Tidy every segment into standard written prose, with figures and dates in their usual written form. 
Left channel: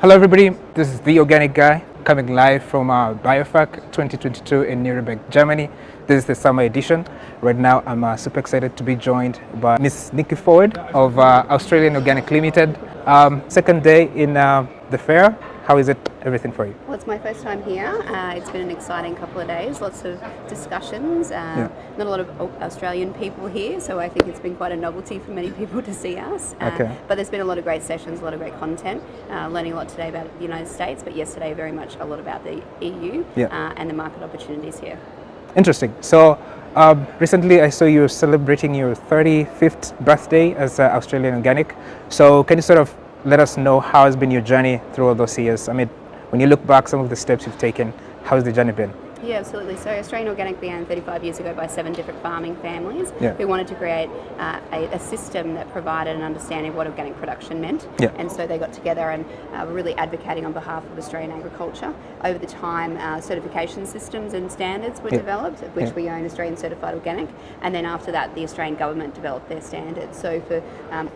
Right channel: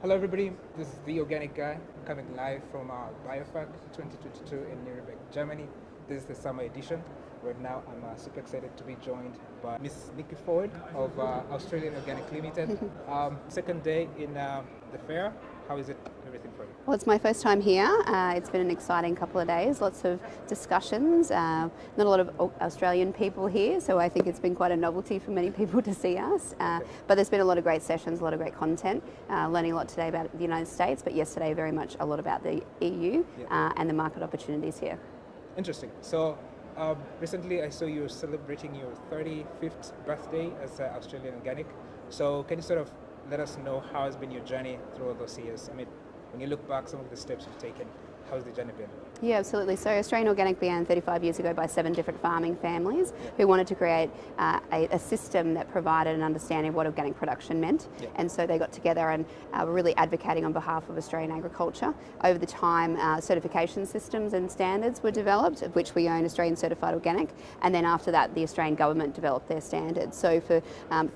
Hello everybody, this is The Organic Guy coming live from BIOFACH 2022 in Nuremberg, Germany. This is the summer edition. Right now I'm super excited to be joined by Miss Niki Ford of Australian Organic Limited. Second day in the fair. How is it, everything for you? Well, it's my first time here. It's been an exciting couple of days, lots of discussions, not a lot of Australian people here, so I think it's been quite a novelty for many people to see us. But there's been a lot of great sessions, a lot of great content, learning a lot today about the United States, but yesterday very much a lot about the EU and the market opportunities here. Interesting. So recently I saw you celebrating your 35th birthday as Australian Organic. So can you sort of let us know how has been your journey through all those years? I mean, when you look back, some of the steps you've taken, how has the journey been? Yeah, absolutely. So Australian Organic began 35 years ago by 7 different farming families who wanted to create a system that provided an understanding of what organic production meant. And so they got together and were really advocating on behalf of Australian agriculture. Over the time, certification systems and standards were developed, of which we own Australian Certified Organic. And then after that, the Australian government developed their standards. So for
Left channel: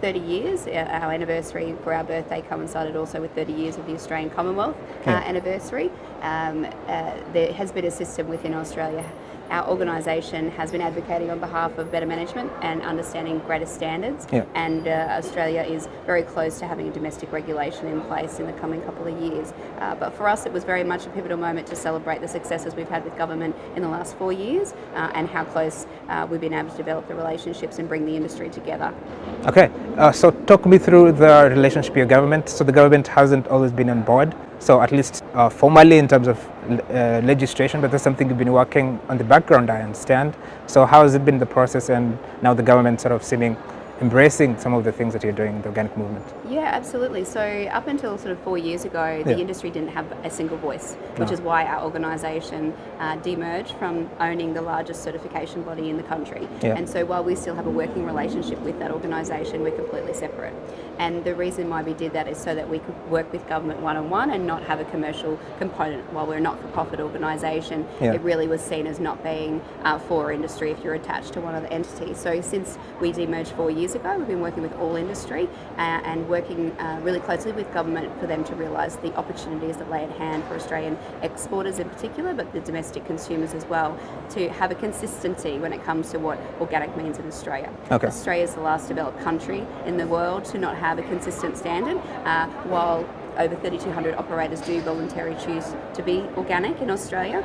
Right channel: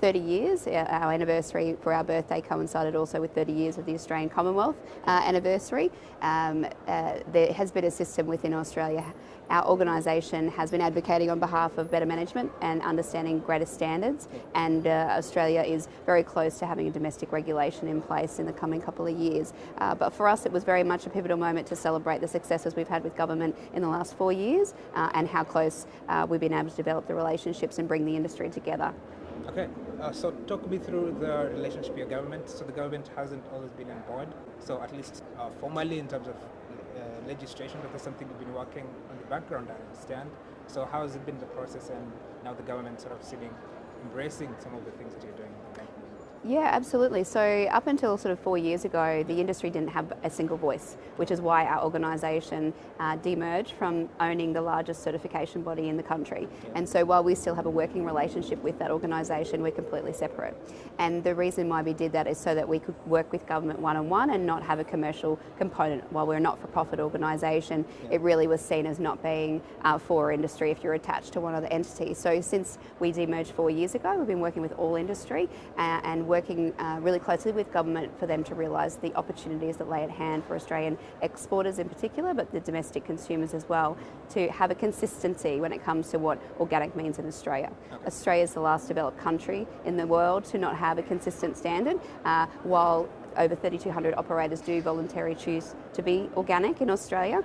30 years, our anniversary for our birthday coincided also with 30 years of the Australian Commonwealth anniversary. There has been a system within Australia. Our organisation has been advocating on behalf of better management and understanding greater standards, and Australia is very close to having a domestic regulation in place in the coming couple of years. But for us it was very much a pivotal moment to celebrate the successes we've had with government in the last 4 years and how close we've been able to develop the relationships and bring the industry together. Okay, so talk me through the relationship with your government. So the government hasn't always been on board, so at least formally in terms of legislation, but that's something you've been working on the background, I understand. So how has it been the process, and now the government sort of seeming embracing some of the things that you're doing in the organic movement? Yeah, absolutely. So up until sort of 4 years ago, the industry didn't have a single voice, which is why our organisation demerged from owning the largest certification body in the country. And so while we still have a working relationship with that organisation, we're completely separate. And the reason why we did that is so that we could work with government one-on-one and not have a commercial component. While we're a not-for-profit organisation, it really was seen as not being for industry if you're attached to one of the entities. So since we demerged 4 years ago, we've been working with all industry and working really closely with government for them to realise the opportunities that lay at hand for Australian exporters in particular, but the domestic consumers as well, to have a consistency when it comes to what organic means in Australia. Australia is the last developed country in the world to not have a consistent standard, while over 3,200 operators do voluntarily choose to be organic in Australia.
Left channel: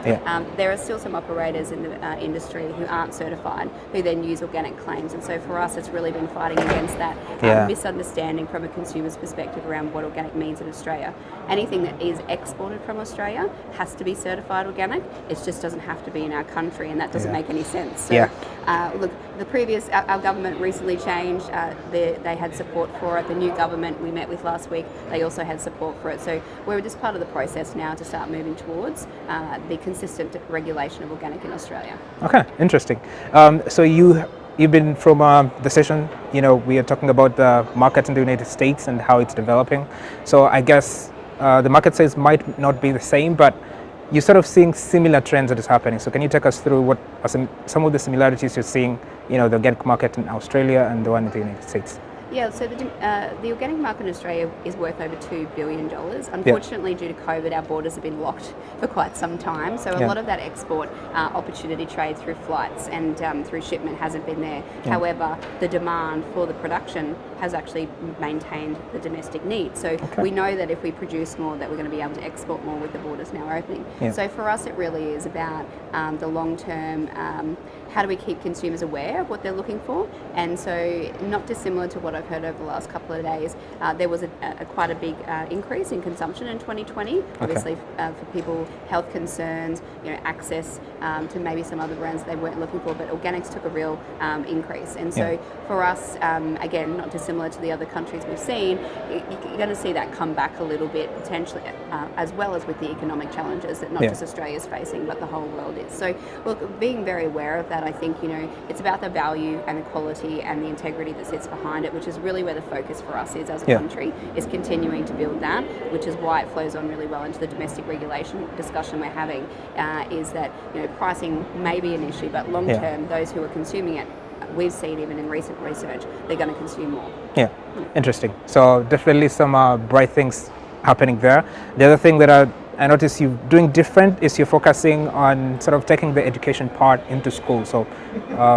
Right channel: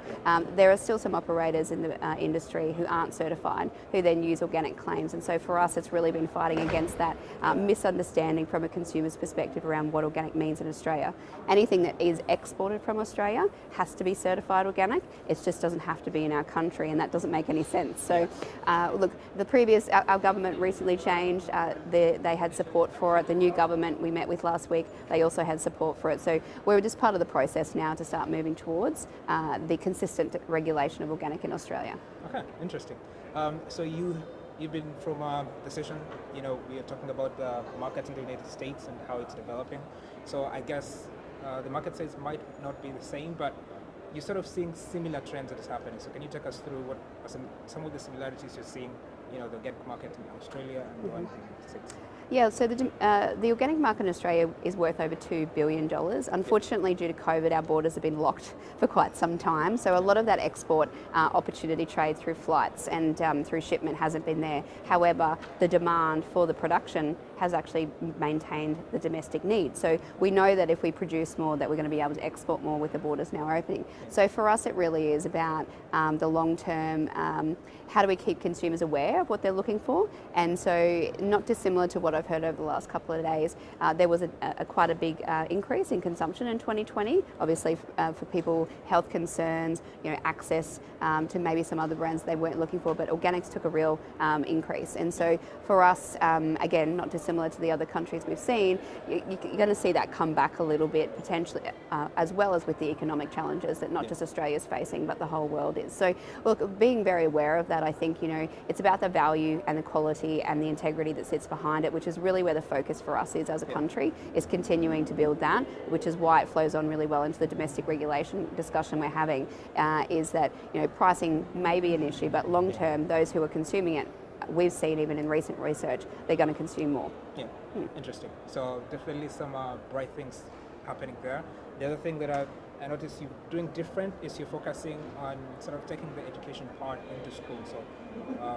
There are still some operators in the industry who aren't certified, who then use organic claims. And so for us, it's really been fighting against that misunderstanding from a consumer's perspective around what organic means in Australia. Anything that is exported from Australia has to be certified organic. It just doesn't have to be in our country, and that doesn't make any sense. So look, our government recently changed. They had support for it. The new government we met with last week, they also had support for it. So we're just part of the process now to start moving towards the consistent regulation of organic in Australia. Okay, interesting. So you've been from the session, we are talking about the market in the United States and how it's developing. So I guess the market size might not be the same, but you're sort of seeing similar trends that is happening. So can you take us through what are some of the similarities you're seeing, the organic market in Australia and the one in the United States? Yeah, so the organic market in Australia is worth over $2 billion. Unfortunately, due to COVID, our borders have been locked for quite some time. So a lot of that export opportunity trade through flights and through shipment hasn't been there. However, the demand for the production has actually maintained the domestic need. So we know that if we produce more, that we're going to be able to export more with the borders now opening. So for us, it really is about the long term. How do we keep consumers aware of what they're looking for? And so, not dissimilar to what I've heard over the last couple of days, there was quite a big increase in consumption in 2020. Obviously, for people, health concerns, access to maybe some other brands they weren't looking for, but organics took a real increase. And so, for us, again, not dissimilar to the other countries we've seen, you're going to see that come back a little bit potentially, as well as with the economic challenges that not just Australia is facing, but the whole world is. So, look, being very aware of that, I think, it's about the value and the quality and the integrity that sits behind it, which is really where the focus for us is as a country, is continuing to build that, which is why it flows on really well into the domestic regulation discussion we're having, is that, pricing may be an issue, but long term, those who are consuming it, we've seen even in recent research, they're going to consume more. Interesting. So definitely some bright things happening there. The other thing that I notice you doing different is you're focusing on sort of taking the education part into school. So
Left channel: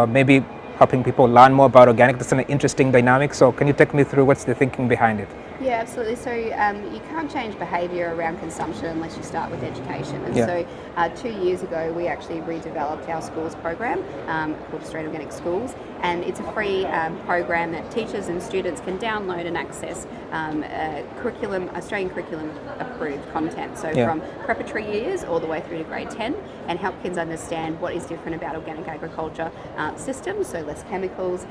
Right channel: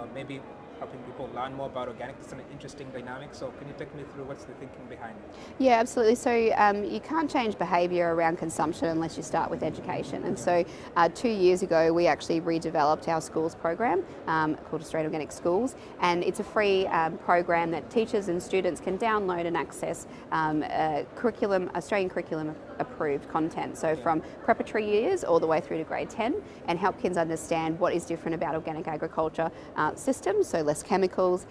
maybe helping people learn more about organic. That's an interesting dynamic. So can you take me through what's the thinking behind it? Yeah, absolutely. So you can't change behaviour around consumption unless you start with education. And so 2 years ago, we actually redeveloped our schools program called Australian Organic Schools. And it's a free program that teachers and students can download and access Australian curriculum approved content. So from preparatory years all the way through to grade 10, and help kids understand what is different about organic agriculture systems. So less chemicals,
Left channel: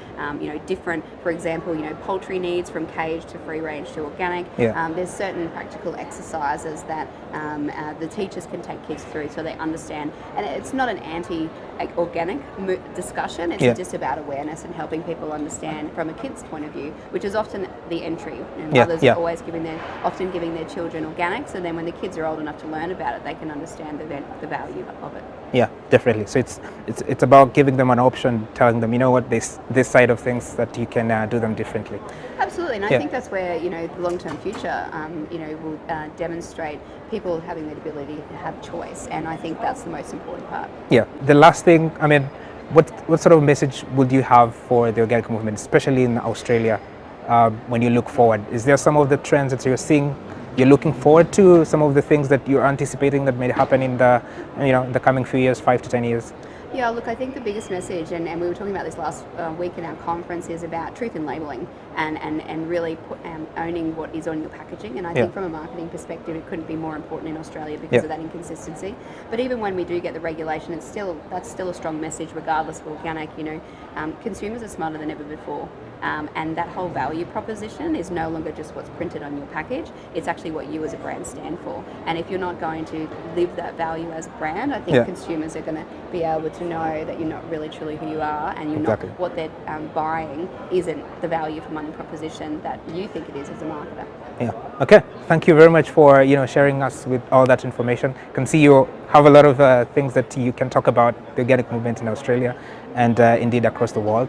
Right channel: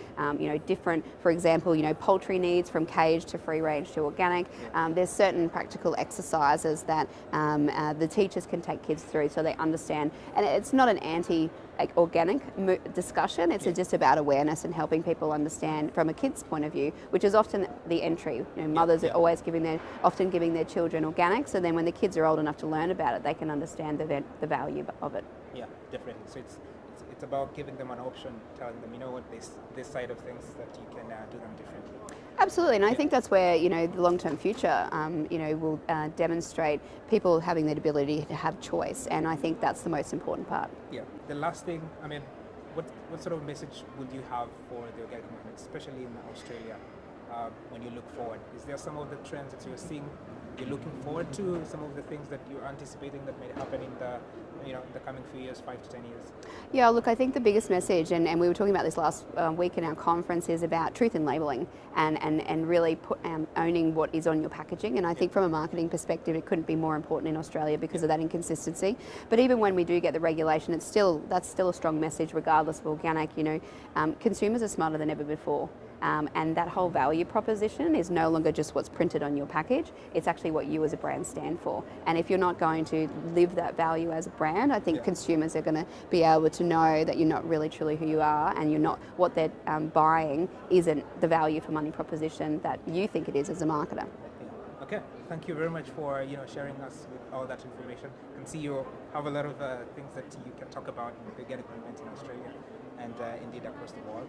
different, for example, poultry needs from cage to free range to organic. There's certain practical exercises that the teachers can take kids through so they understand. And it's not an anti-organic discussion, it's just about awareness and helping people understand from a kid's point of view, which is often the entry. And mothers are always often giving their children organic, so then when the kids are old enough to learn about it, they can understand the value of it. Yeah, definitely. So it's about giving them an option, telling them, you know what, this side of things that you can do them differently. Absolutely, and I think that's where the long-term future will demonstrate people having the ability to have choice, and I think that's the most important part. Yeah. The last thing, I mean, what sort of message would you have for the organic movement, especially in Australia, when you look forward? Is there some of the trends that you're seeing, you're looking forward to, some of the things that you're anticipating that may happen in the the coming few years, 5 to 10 years? Yeah, look, I think the biggest message, and we were talking about this last week in our conference, is about truth in labelling and really owning what is on your packaging. And I think from a marketing perspective, it couldn't be more important in Australia because of that inconsistency. But even when we do get the regulation, that's still a strong message regardless of organic. Consumers are smarter than ever before. And that whole value proposition is no longer just what's printed on your package, it's actually what you as a brand stand for. And if you're not going to live that value as a brand, I think consumers are going to be able to know that you're not really truly who you are, and you're not what they're buying isn't the value for money proposition that you think it is as a marketer. Yeah. Okay. Thank you very much for sharing us with all that information. I can see you have a lot of things that you can talk about the organic movement in Australia and indeed across the world.